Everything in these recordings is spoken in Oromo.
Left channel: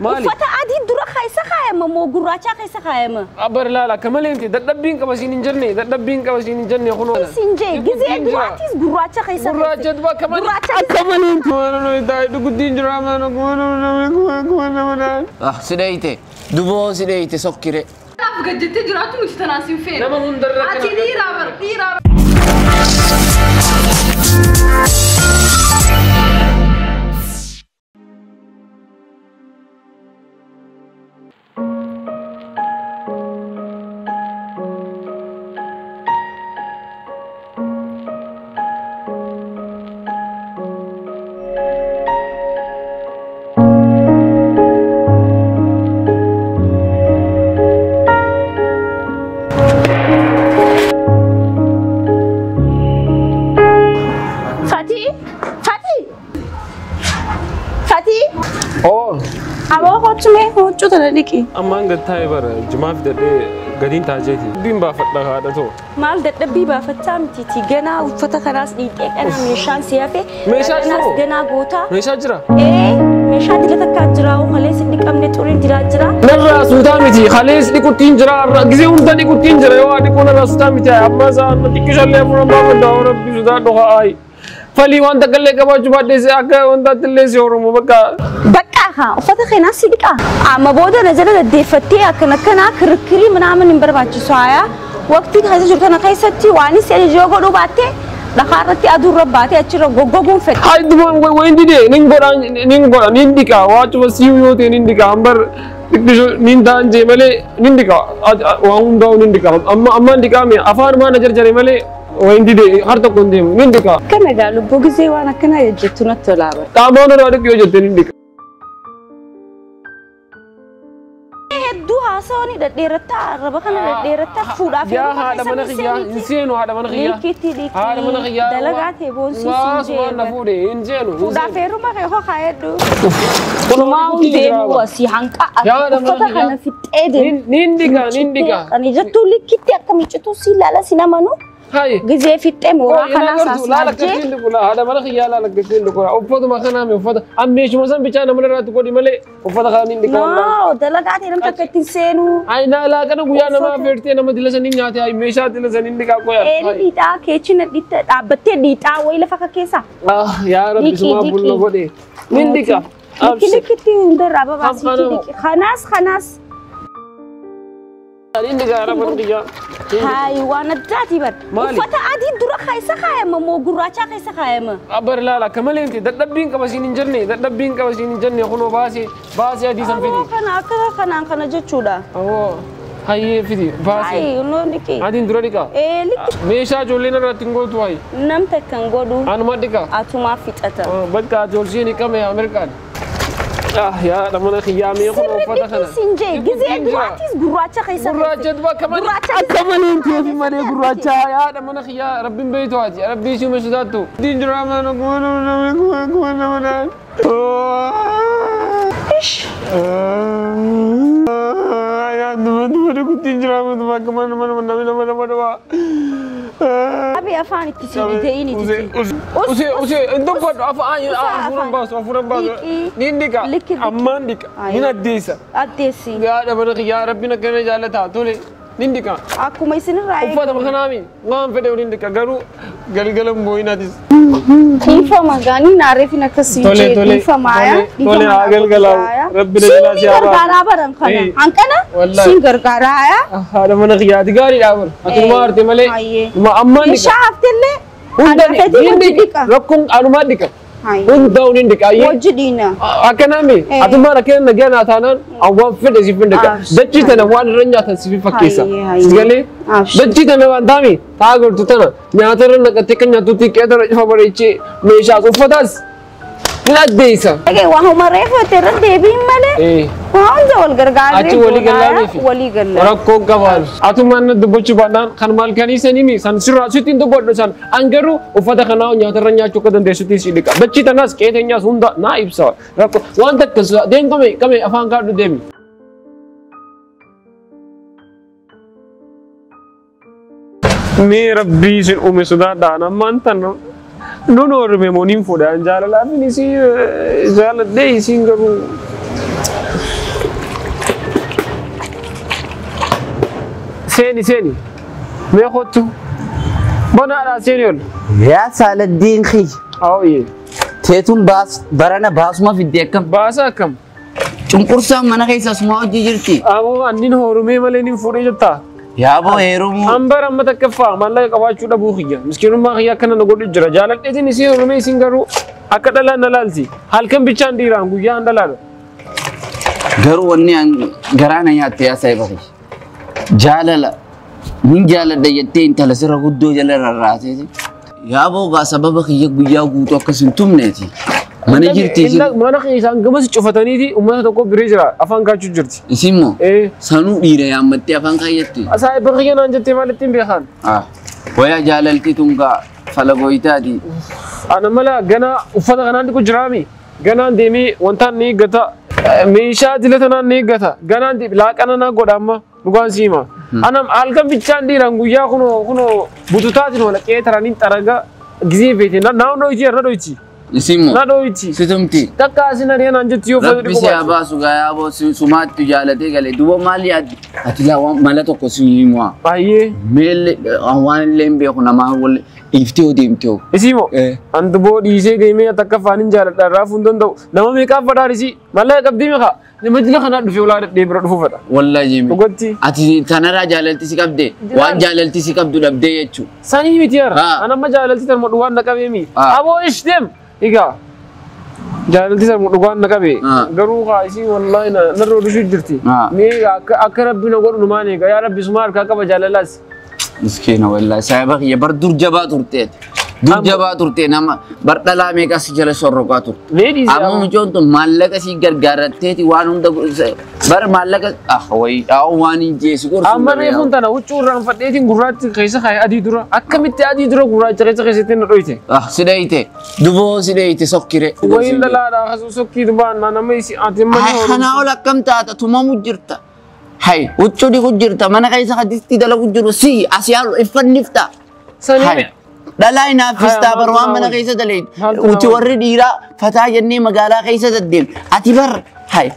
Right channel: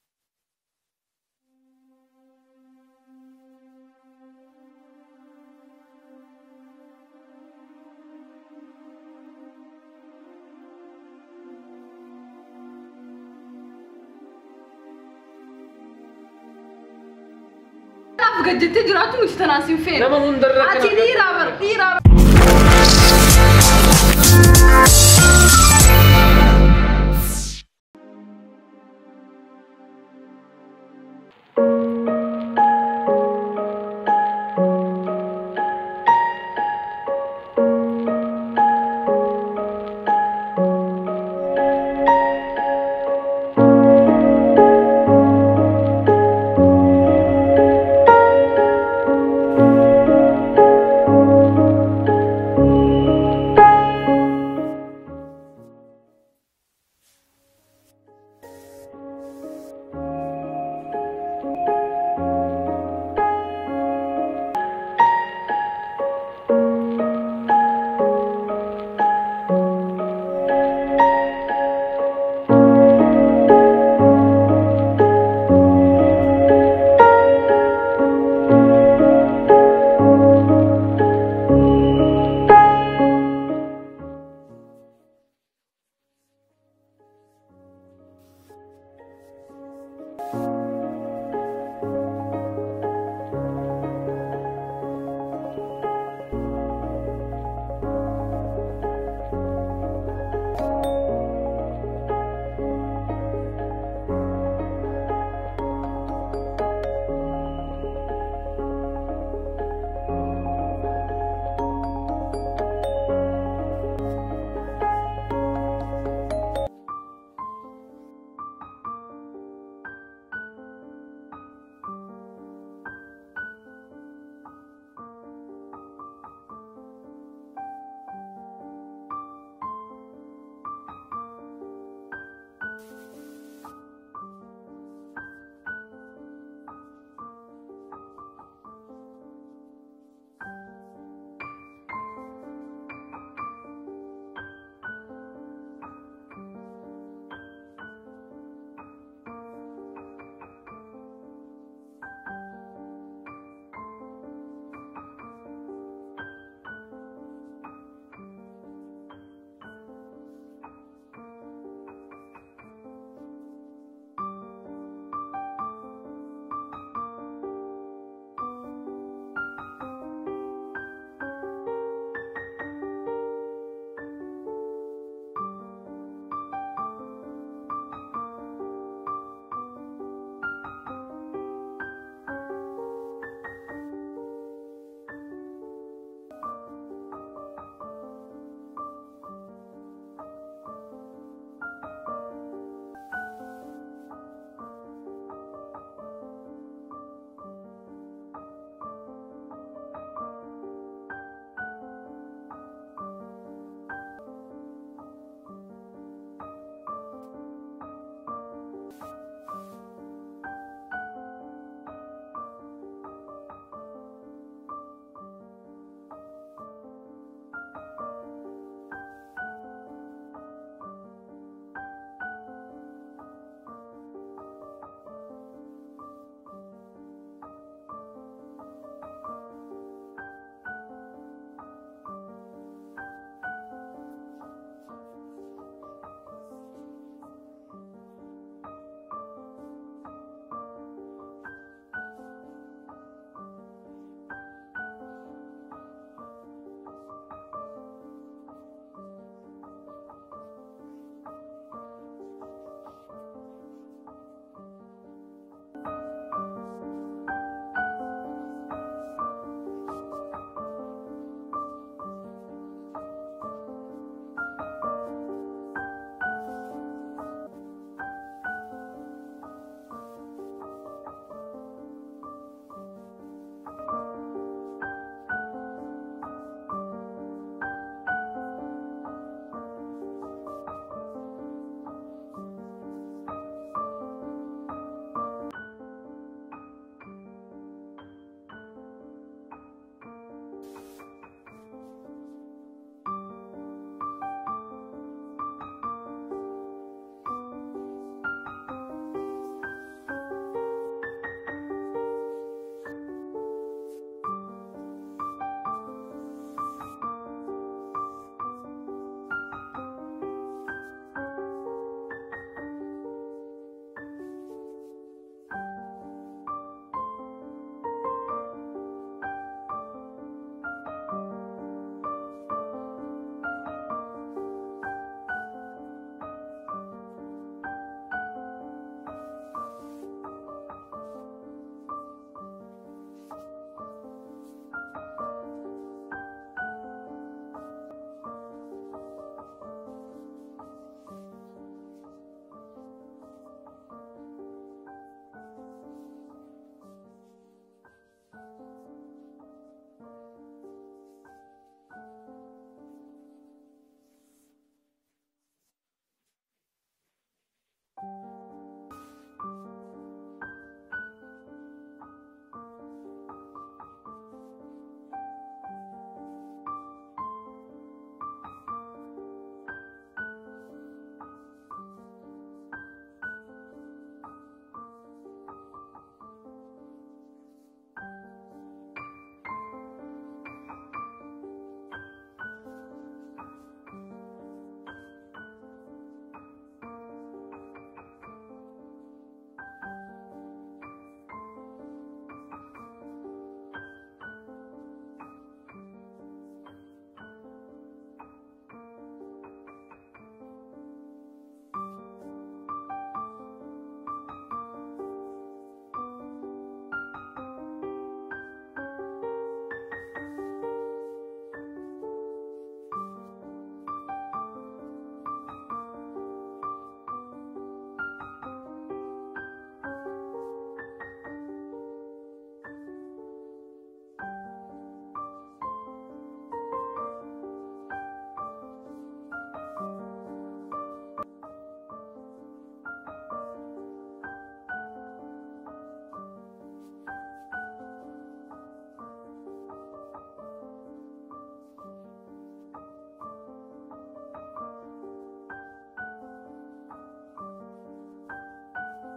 مالي فتا عادي درا خايسة خايمة مو قراچا خايسة خايمة أبر لا كمال أنت دبين كبسين إنجرني دبين كبسين إنجرني خنوا سنجي جزء دراتيس قراچا خايسة قراچا دبا كمال كمال أنت وانا يداي دقدين جرام أنا كوانا سيدايتي دبو سيدايتي سكري أنا بجد جراتو متتناسين فين؟ لما هندرك عتي رابر أما عند تايبر جماعة ده قدين تاجيتي بين بافتنا هذا تو مال ده بي بافتام تيتي جنا وفتا خلاص ديتك أنا مشان سيافي مشان ناس جنا غوتا مشان جرا إيه مشان دي لتكاجرا وخليس ديك أمني تورين جرا نرى سودامتي خليس ديكو تينجرا جزء وندا ديكو تينجرا يوا ديكو نرى سودامتي أما زان تيجي شلي أمور ما بدأ ورب سودا دوها أي فلي وانت كله كبار جبار ديسي أكا وانت تللي سيورمو بكا ها وفتا خناس ديك أما بودا نزل الدفتي أكنا كنا كركري من عمل نمبر باتشي سوايا وقتي هذا جرتنا قيستي واني سيري جوجو لو باتي دخارتي أدور رباتي أشرب جوجو فك هاي دمان وين دي نينغورا نينديكا واتش وسيو يوتي نينديكا أمبر تكتشو نيندان جي ملي نينديكا وهم داو نينديكا أما نينديكا مي أفان ما نجر جري ملي وين دي هارتو كونديم نينديكا كم قالوا بوجزي وانا كنا يجتونا تلعب تامانو رادك يوجد نينديكا دوها سوني ديرتا ربكنا ديرتا فودا في يا هذا مناخيا إنسانو هذا مناخيا هذا مناخيا دلقات هبون سيسي نفودي إنسانو فودا فيرو ما كيهو خايدو كلما ودي واسي هانكا فتحنا في تأدين نينديكا أنا جتو لكتي أكمل جتو سيلا سينامانو هاي جزء في التم وراحنا ساس لا لك كثير لكولا هذا مناخيا لا لك كثير لكولا وفض ما خنا مي وفض أمي شو مثلا بيجانا من رات كودي ملء وفض خنا نينديكا لا دلقات هرم تكتين سينو أي لا كنا قيانا ما فيرتي أنا ما دلسا نينياتي أي ميشا دلسا نينديكا قيا ديتا كيتشنا ديتا أبتة ديتا ويلا فكا كيسا يا رب سما بولنا بودي نينديكا لكتي ندر أبا باسي خناس نينديكا رب نينديكا هاي وانا داتي بر فتا عادي درا خايسة خايمة مو قراچا خايسة خايمة أبر لا كمال أنت دبين كبسين إنجرني دبين كبسين إنجرني خنوا باسي هذه سنفيدي كنا جتشودا هاي فيدي باسي هاي لو نيكي هذه درا ديكا لك ميشا جولينا راتينغول تواي نم تكنغودو أنا ما ديكا أتوما فيتاتا بدك جولسيني كم يا أمريكان يا لما خيامي خنوا فتحنا سنجي جزء دراتيس قراچا خايسة قراچا دبا كمال أنت في مالي قراچا يا لما خيا ربي بيتو هذه ربي شو مسداتو دين دراما نقول إيش يا دم كنت دراما كمان أبي أفاني تسيبي ديني أوسي أنت قد أفاني أفورن باس نينديكا أمانديكا من الديسة يا رب يا ربنا كنا جالتا تولي نينديكا أكو ما يصير رأي أفضل مخنامي غام فدي نينديكا غرو غلغلم بوينا ديس إنفا مغاني نعرف إنك سيجي إنفا مايا تولي غلغلا ربنا جل سينجر غارا برام خنا أنكنا سينجر غارا يا هذا من خيادي غاري دابر أتمار تملي ما أمانديكا شاف تلي نينديكا ركون أنماديكا Undang nindika aye. Wajudina. Akanami. Atuma nakena nagyana atanan. Awan fede sifindika. Dachita na wan ranya tan sifi fakisa. Sigale. Dachita na wan dami. Tagar tutana. Nyatara nakatika nyatuti kedara favorichi. Mesha ufadas. لا ديسا. أوكي وهم رأيه ترى ديبين ماله. إيه. وهم جوال غرغار. أتي ولي غلا في. ولي غلا. وركو كمان. أتومان دبوچ بدان خنمال كاني سنيمي سان سرا سوتين دبوت سان أنجرو وفدا خناو نياتر نياتو كدن دسوتي سيدك. بچي تناس كيتنيا سوندا نا إبسا. ركو وان تك كسوا دين كمي أفان كارد ديم. मेरा बीच उम्मीद सुधा दाना मानता ना नोनो रे मोनिम फोड़ा जाला ला मिनी सी जाला दे सिंगरू سيني ما يخوتو بنا على سينيون يا سال الدين خي أو إيه تيتم باس برانا باس ما في الديكم باسا كم cunqursaa mana keessa asuma hojii jirti. Aboo annin horumee malee nin fuudhee jirta. Yaa boo heerumu. Hambara amma takkaffaa mallaqa qabaachuu dhabuu kiyya. Miskiinummaa kiyya akkana na godhu jira. Jaaladheetiin isii horumee isin garuu akka dhalaan na laalti. Halkan bichaan dhiiraan guyyaa an dhalaadha. Garuu wanni garaa na nyaatte yaa saayiba kiyya. Jaalala. Nin jaaladha jettee intala sirra guddoo jala rarraateeti. Yaa boo gaa sababa kiyya guyyaa guutuu akkas hin tumneeti. Mana jirti isin. Mana isaan gamas cufataniiti uummata tokko biree jira afaan kaachuu jirti. Isin moo? Sanuu dhiira yaammattee afaan kaayyatti. Asaa bakka naan jettee maalitti hin beekan? Waya jaalalti tungaa falagoytaati. Ana mala gana uffata kanaan dhiqu jiraami. Ganaan deemee wantaan ni eeggata. Meeshaa dilata naan ni eeggata. Ganaan laaqana naa godha amma dhugaan siima. Ana halkan bichaan dhiiraan guyyaa kunoo bututaatiin wala qeetaraniin xaraga gizee feete naannoo dhoyti irra dhoyti. Isimu. Na dhoyti. Situmti. Takka asin ariyan anjetti yoo fedhu Rabbi si abaasu gayaa boo sumaatti jaalatee galee duuba maali yaaddi? Ati laa mala tokko si himuwa. Baay'ee. Meelle waan illee hin beeku namaa wal dhiiftee oo deemtee. Isimoo. Antu boo dhiisee deemee takka afaanin jaaladha raafuu hin danda'u. Nama meeqaaf fadhaarisi? Mallaqa qabdii meeqa? Nama jila kanaa dhufee ulaa dhadhee bira dhufu fedha. Wallaahi jeemi. Dhugotti. Ati tanarraa jaalalti si qabdee waan jaalalti si qabdu dhabdee jechuudha. Sanii miti yara. Anamma jaalalti tan modhu waan na qabeemi. Aboo ishtem. Igaa. Jaalalti san dhugaan na qabe garuu kaa isii wallahi narroo dhishuu jirti. Mee akka rabbi na godhu numaan eega yaa rabbi suma harkaa qaba jaalalaas. Miskiina wallahi saayiba kiyya bar dur jabaa turteeti. Dur jabaa turtee nama bar dhalaa meeqa si jala sorroqaa turte. Amma mucoon tun maallaqa si gargaaratteeti waan hunda bar maallaqa wayi waan hin jeesi gorsu. Amma reefuun tana huccuu irraan fadheetiin gurraachi keessa kaa'e adii dura akkamitti adii dura gurraacha keessatti na dhoyte. Sidheeyte duboo sidheeyte sokkire. Wayin dhalaadha akkasuma sokkii dubaan nama isi ati mana horu. Kanaa ol akkam taata tumamu jirta. Hay huccuu dhiqu jirta mana keessa hadisti dalagu jiru si asii haal iffannifta. Sanii. Dhalaa inaafistaa bar waan mana keessa daleen uti warri dhiiraa fataa jennee magaalaa keessa deddeem ati bar hay.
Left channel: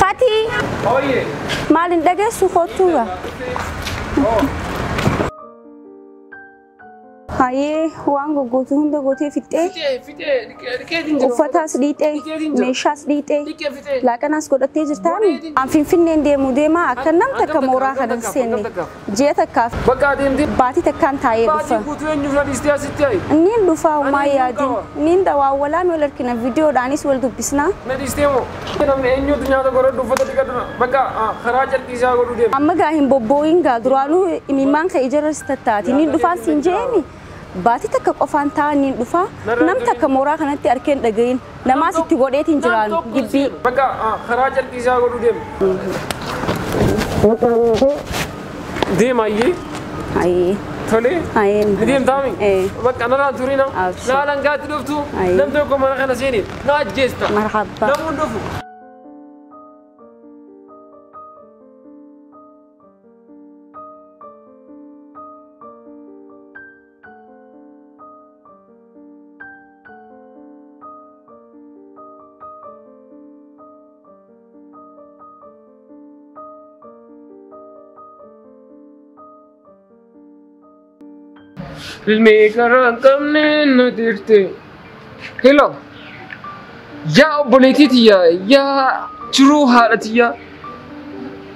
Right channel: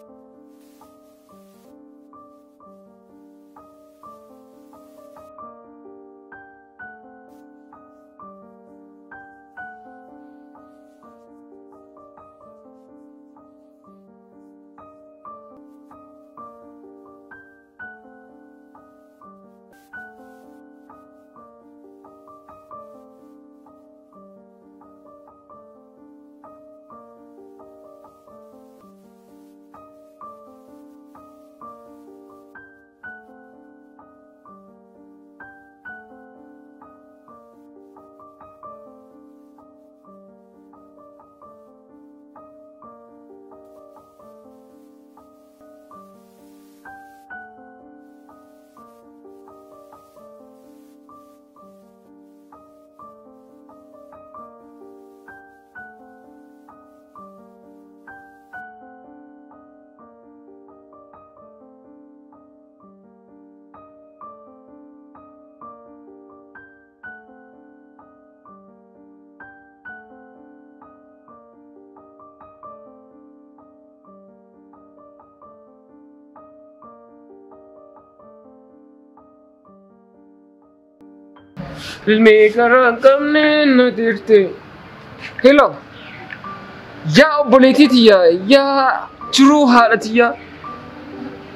Fatih. Oh iya. Malin daga suhotuga. Haye wango gotu hunda gote fitte. Uffatas dhiite, meeshaas dhiite, laaqanaas godhattee jirtaani. An finfinneen deemu deema akka nam takka mooraa kanan seenne. Ji'a takkaaf baatii takkaan taa'ee dhufa. Niin dhufa homaa yaadin. Niin dawaawwalaan wal harkina viidiyoodhaanis wal dubbisnaa. Amma gaa hin bobbooyin gaa duraanuu imimmaan ka'e jarras tattaati. Niin dhufaan siin jeemi. Baati takka qofaan taa'anii dhufa nam takka mooraa kanatti arkeen dhagayin namaas itti godheetiin jiraan gibbii. Bakka karaa jalqisaa godhu deemu. Deemayyee. Ayyee. Tole. Ayyee. Deemtaami. Bakka narraan turina. Naalan gaatti dhuftu. Nam tokko mana kana seeniin na ajjeesta. Marhaba. Namuun dhufu. Filmeekara qabnee na dirte. Hello. Yaa obboleettiiya yaa jiruu haadhatiya.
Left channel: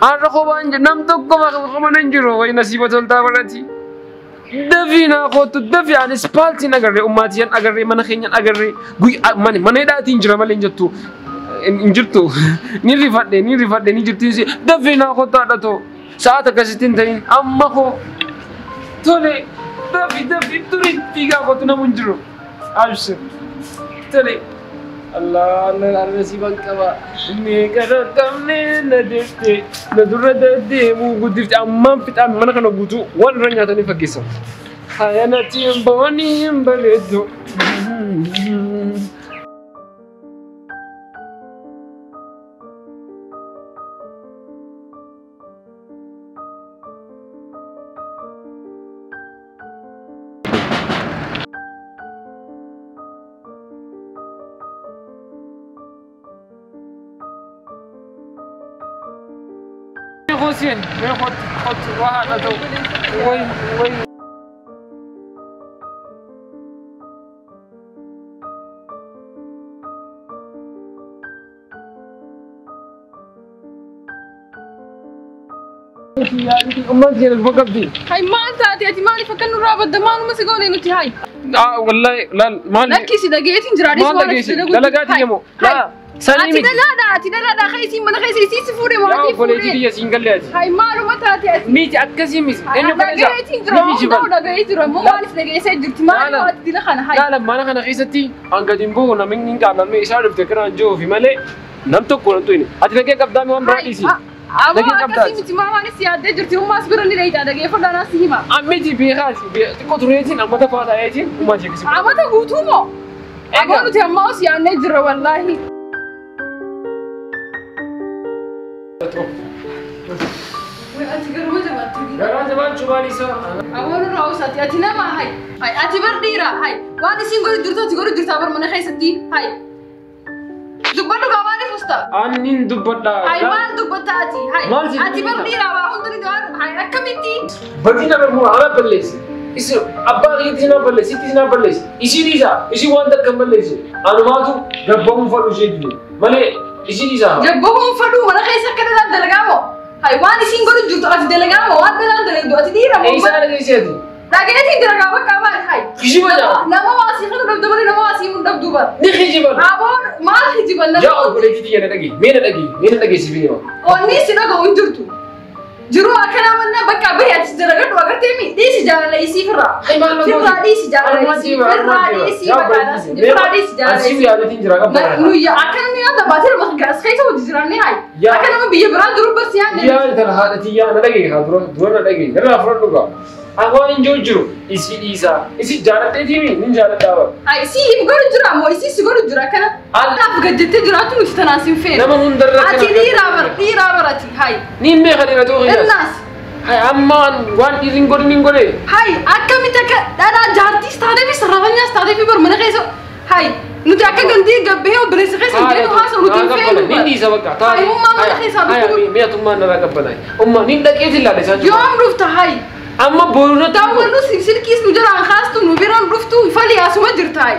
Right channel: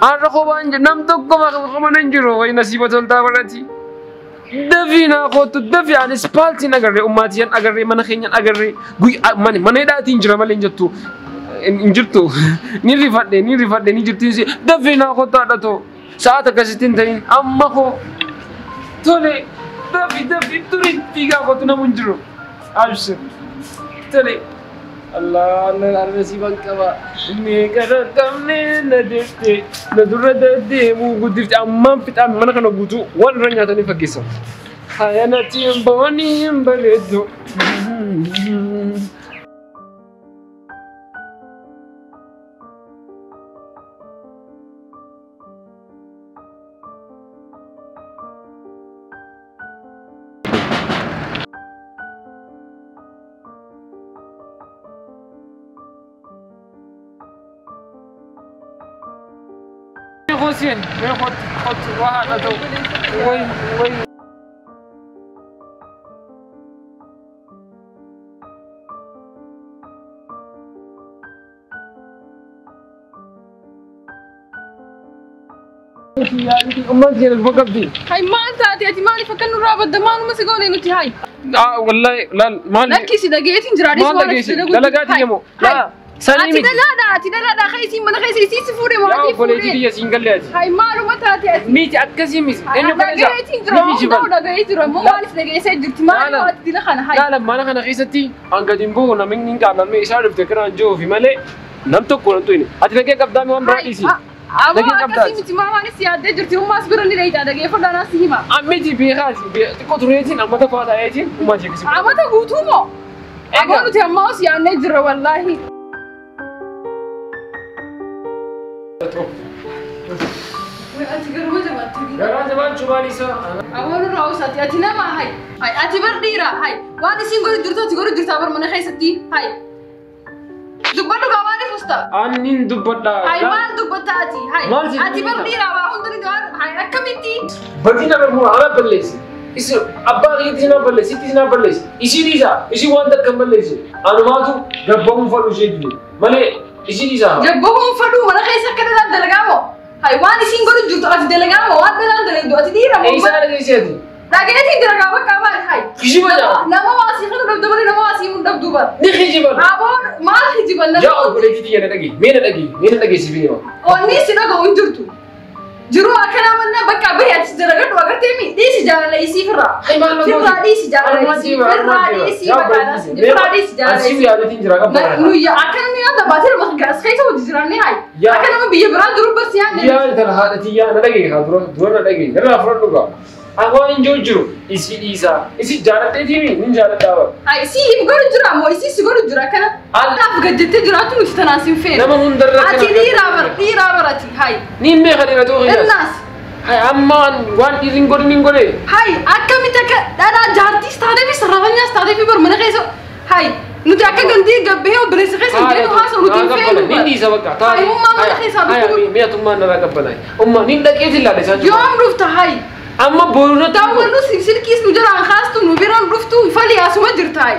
Har'a kophaan nam tokko mana hin jiru wayi nasiiba toltaa barati. Dafii naa kootu dafii ani ispaaltiin agarree ummaatiyan agarree mana keenyan agarree mana hidhaatiin jira malee hin jettu. Hin jirtu. Ni rifadhe ni jirtiin dafii naa kootu haadhatoo. Sa'aat akkasitti hin ta'in amma koo tole. Dafi turi figa ko tuna munjiro. Abshir. Tole. الله الله نسيبك كبا ميكا كمني ندفتي ندرد دي مو قدرت أمام في تعمل أنا كنا بوتو وان رنيا تاني فكيسة هاي أنا تيم بوني بلدو حسين خد واحد أدو وين أمك زين الفقر دي هاي ما أنت أتي مالي فكرنا رابط دمان وما سيقولي إنه تهاي والله لا مالي لا كيسي دقيقة تنجرادي ما دقيقة لا لا قاعد يمو لا أتي لا خيسي من خيسي سيسفوري ما يا أتي فولي فوري تيجي سينجل لازم هاي مالو ما تاتي أتي ميت أكسي ميس إنه كذا دقيقة تنجرا ما دقيقة تنجرا مو مالف دقيقة سيد مالو أتي دي لخنا هاي لا ما أنا خيستي أنك جنبه نمين نيجا نمين إشارة بتكرر جو في ملء نمتو كورنتويني أتي لقيت قدامي وان براديسي أما أكسي متى ما ماني سيادة جرتي هم أصبرني ليتا دقيقة فدانا سيما أمتي بيخاسي تكوتريتين أما تفادا أيتين وما جيكسي أما تقولتومو أقولوا تيماوس يعني نجرا والله Gara zaman cuma Lisa. أول رأوساتي أتينا ما هاي أتي برديرة هاي وأنا سينقول درتا تقول درتا برمنا خيستي هاي دبلو كماني فستا Anin dubbadha. هاي ما دبتاتي هاي أتي برديرة وأهون دوار هاي أكملتي Badina bermu ana ballesi. Isi abba ritina ballesi tina ballesi. Isi Lisa isi wanda kamballesi. Anu matu gabbamu falu jedni. Male isi Lisa. جبهم فلو ولا خيسة كذا دلقامو هاي وأنا سينقول درتا أتي دلقامو وأنا دلقامو أتي ديرة Isa ada kesehati. لكن دلقامو كمان هاي Kisi baca. نما واسي خدوا دبدبني نما واسي من دبدبر Ni kisi baca. أبون ما الحجي بنا Ya boleh kita yang lagi. Mana lagi sih ni? وني سينقول وندرتو جرو أكنا منا بكا بيا تجرغت وقت مي دي سجارة ليسي فرا Hai malu. فرا دي سجارة ليسي فرا دي سي بكا فرا دي سجارة Asyik ليسي ada tinjau apa? نويا أكنا مي هذا باتر ما خلاص خيسة وتجراني هاي يا. أكنا ما بيجي برا درو بس يعني Iya, terhadap dia ada lagi, dua lagi. Kenapa front juga? Aku injur juru, isi Isa, isi jalan tadi ni jalan tahu. هاي سي يبغى جرا مو سي سيقول جرا كنا أنا أفقد جت جراتو متتناسين فين Nama hundar أتي دي رابر أتي هاي Ni mereka dia tu. الناس Hai aman, wan iring gor ni gore. هاي أكمل تك أنا جارتي استعدي في سرابني استعدي في برمنا خيسة هاي نتي أكا جندي جبهه وبريس خيسة جينو هاسا ونتي فين Ni sabak kata. هاي هم ما خيسة Hai, mia tu mana nak kapan? Ni dah kecil lah desa. يوم رفت هاي Amma boru tahu. تاول نو سلسل كيس نجرا عن خاصتو نبيران رفتو فلي أسمع جرتاي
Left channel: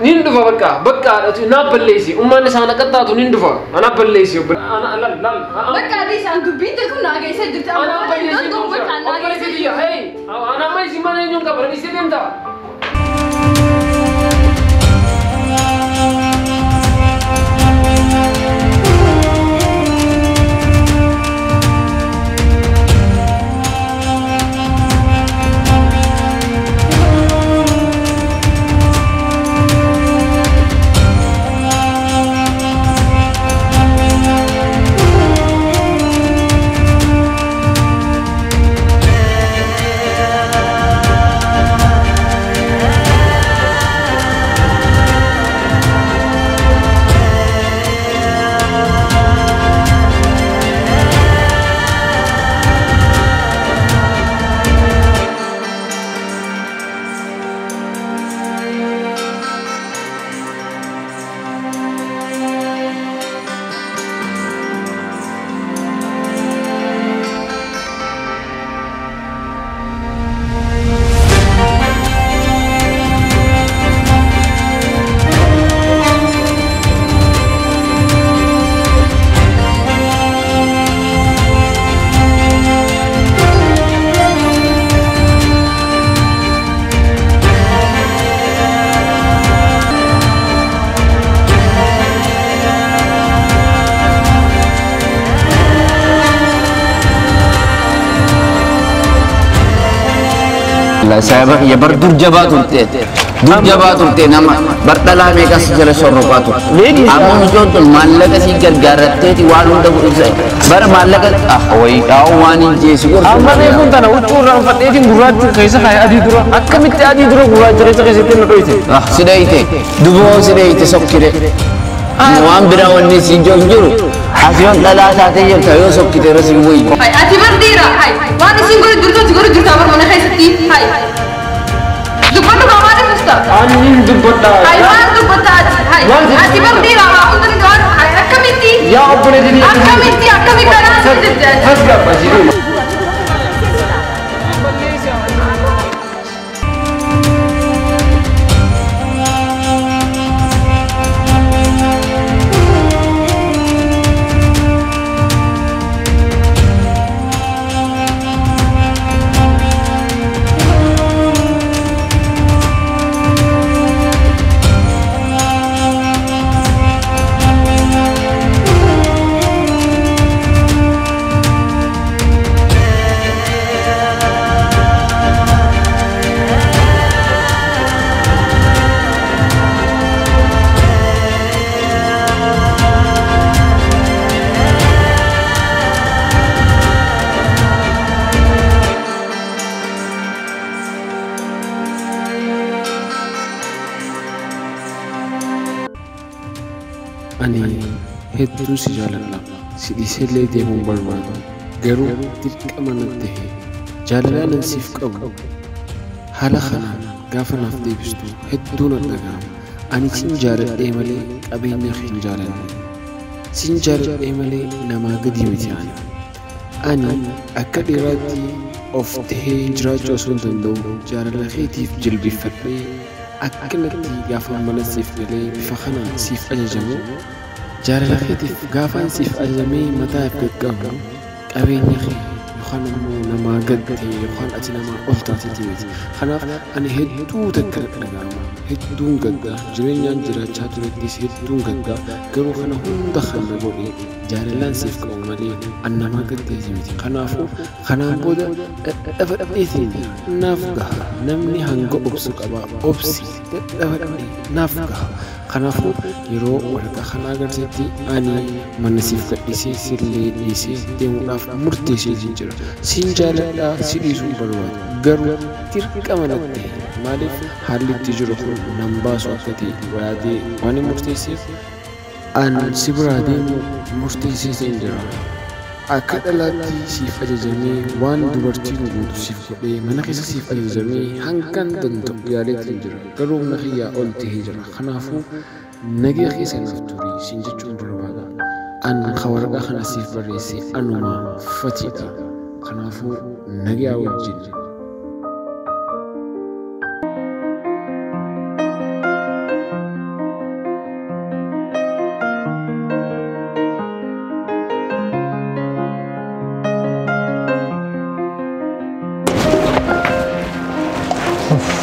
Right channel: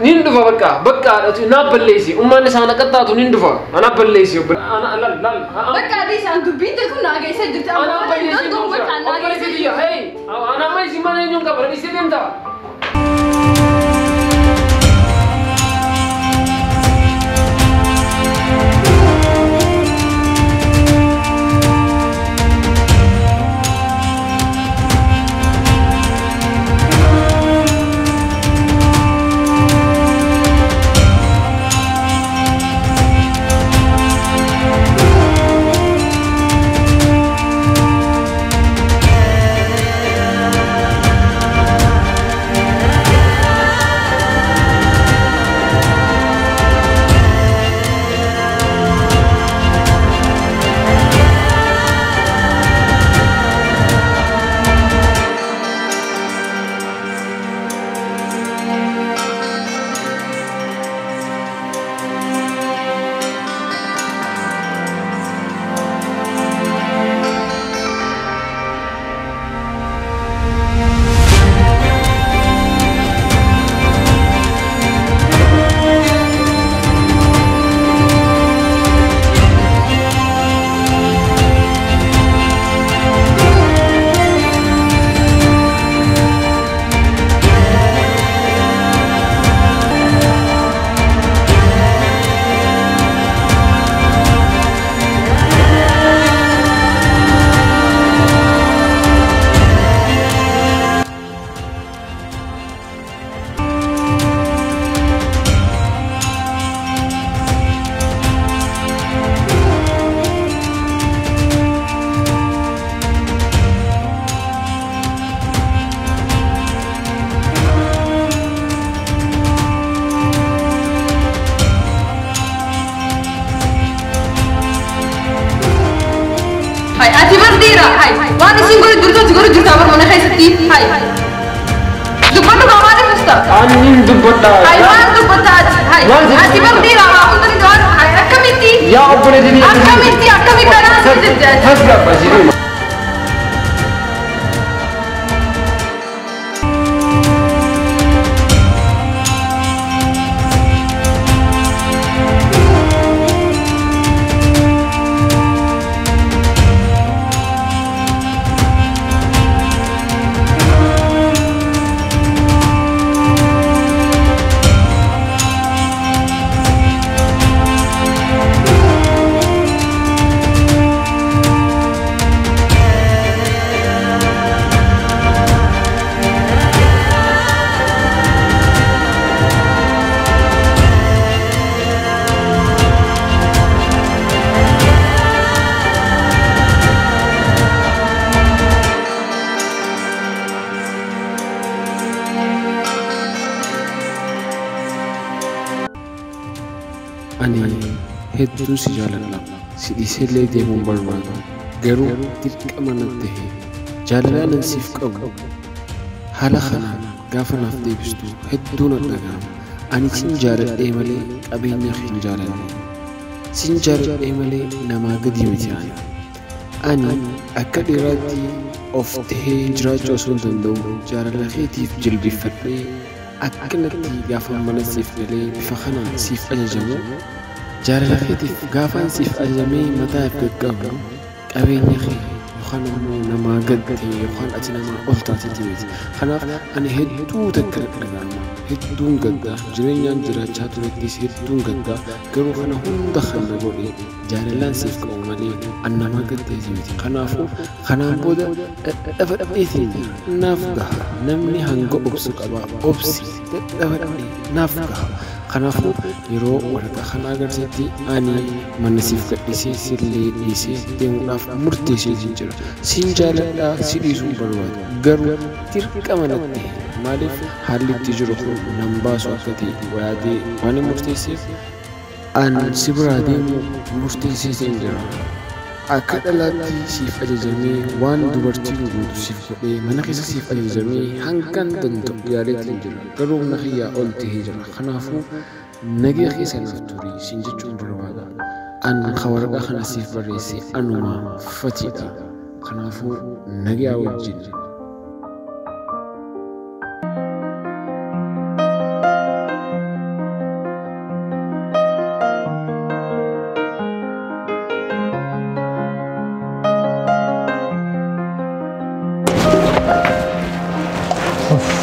Nindu bakka tu na ballesi. Umma sana kata tu nindu fa. Ana ballesi. Ana lal. بكا دي سانتو بنت كنا جاي سجلت Ana ballesi. أنا دوم بكا أنا جاي سجلت Hey, ana mai si mana yung kabar ni sedem ta. saya ya berdur jaba turte nama berdala mereka segala sorrokat tu amu muncul malaka si gargaratte di walun dah berusaha bar malaka woi kau wani jesu amma ne pun tanah utur orang fatih di murad tu kayak adi dulu akam itu adi dulu murad terus itu nak itu sudah itu dua sudah itu sok kira Nuam berawan ni si jujur Asian lala saatnya yang kayu sok kita rasa bui. Hai, ati berdira. Hai, wani sih guru jurta apa mana hai seti. Hai. Dupan tu kawan ni musta. Anin dupan. Hai, wan dupan. Hai, ati berdira. Aku tadi doan. Hai, akamiti. Ya, apa ni jadi? Akamiti karan sejak. Hasga pasir. Ani hedduu si jaaladha si dhiisellee deemuun barbaadu garuu dirqama natti ta'e jaalalaan siif qabu haala kanaan gaafa naaf deebistu hedduu na dhaga'ama ani sin jaaladhee malee qabeenya hin jaaladhe sin jaaladhee malee namaa gadi miti ani akka dhiiraatti of tahee jiraachuu osoo hin danda'u jaalala keetiif jilbifadhee akkanatti gaafa mana siif galee bifa kanaan siif ajajamu jaalala keetiif gaafaan siif ajajamee mataa if gaggabu qabeenya kee yookaan immoo namaa gadte yookaan ati namaa ol taatee miti kanaaf ani hedduu takka dhaga'ama hedduun gadda jireenyaan jiraachaa turettis hedduun gadda garuu kana hunda kan na godhe jaalalaan siif qabu malee an namaa gadteeti miti kanaafuu kanaan booda dhadhabadheetiin naaf gaha namni hanga obsu qaba obsi dhadhabadhee naaf gaha kanaafuu yeroo waraqaa kana agarsiisti ani mana siif gadhiisee sillee dhiisee deemuudhaaf murteessee jira sin jaaladhaa si dhiisuun barbaadu garuu dirqama natti maaliif haalli itti jiru kun nan baasu akka ta'e yaadee waan murteesseef an si biraa deemu murteessee jira akka dhalaatti siif ajajamee waan dubartiin guutu siif godhee mana keessa siif ajajamee hangan danda'u yaaleetiin jira garuu na xiyyaa ol ta'ee jira kanaafuu nagee keessa naaf turii sin jechuun barbaada an waraqaa kana siif barreesse anuma fatiidha kanaafuu nagee wajjin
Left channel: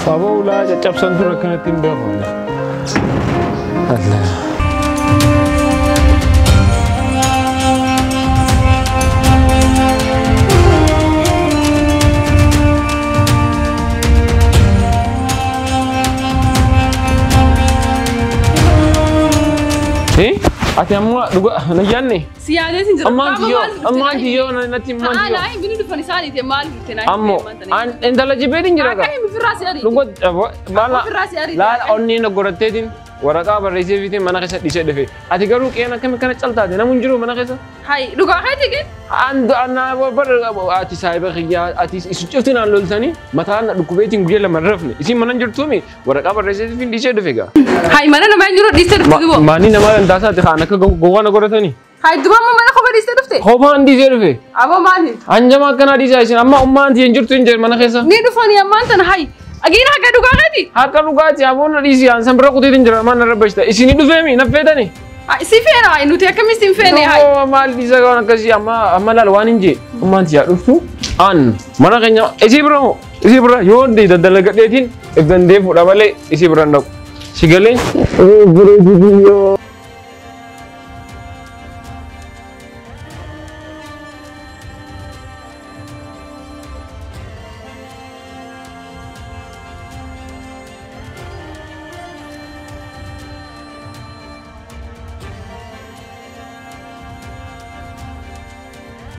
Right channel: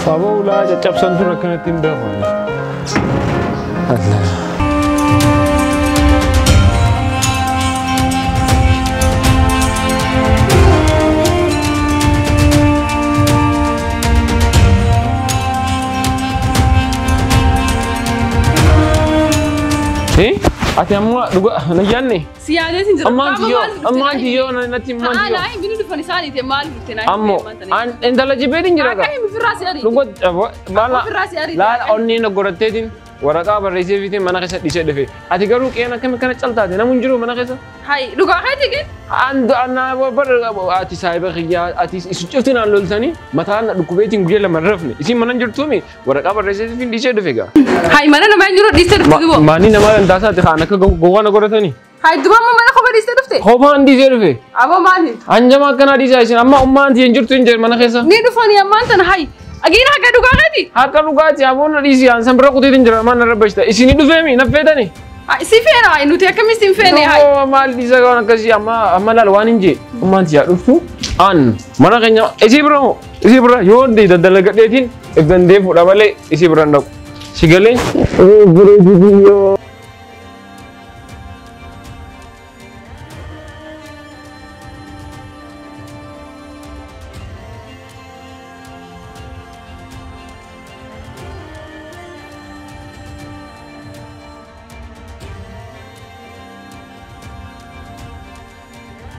Apa ulah jacap santur kena tindak mana? Allah. Ati amma duga najan ni. Siada sih jeruk. Amma jiyo nanti mandi. Ah, lain bini depan isani te mal gitu na. Ammo, endala jibedin jira ka. Kayak firasi ari. Duga bala. Firasi ari. La onni na goratetin. Waraqaa barreessee fiitee mana keessa dhiisee dhufe. Ati garuu qe'een akkami kana caltaate namun jiru mana keessa. Hai, dhugaa haati gin? Anna ati saahiba kiyyaa ati isu cufti naan loltanii mataan dhukkubeetiin guyyaa lama rafne isin mana jirtuumi waraqaa barreessee fiin dhiisee dhufe gaa. Hai, mana nama yang jiru dhiisee dhufte dubo? Maanii nama dandaasaati kaan akka gowwaa na godhatanii. Hai, duba amma mana kophaa dhiisee dhufte? Kophaan dhiisee dhufe. Aboo maali? Anjama akkanaa dhiisaa isin amma ummaan hin jirtu hin jiru mana keessa. Ni dhufanii ammaan tana hai. Agina haka dhugaa haati? Haka dhugaati aboon dhiisii aan sanbira kuteetiin jira mana rabbashta isinii dhufeemi naffeetani. Si feena hai nuti akkamitti hin feene hai? Maal dhiisaa waan akkasii amma laal waan hin jee ummaan tiyaa dhuftu aan mana keenya isii bira yoo daldala gadheetiin if dandee fuudha malee isii bira hin dhaqu. Si galee?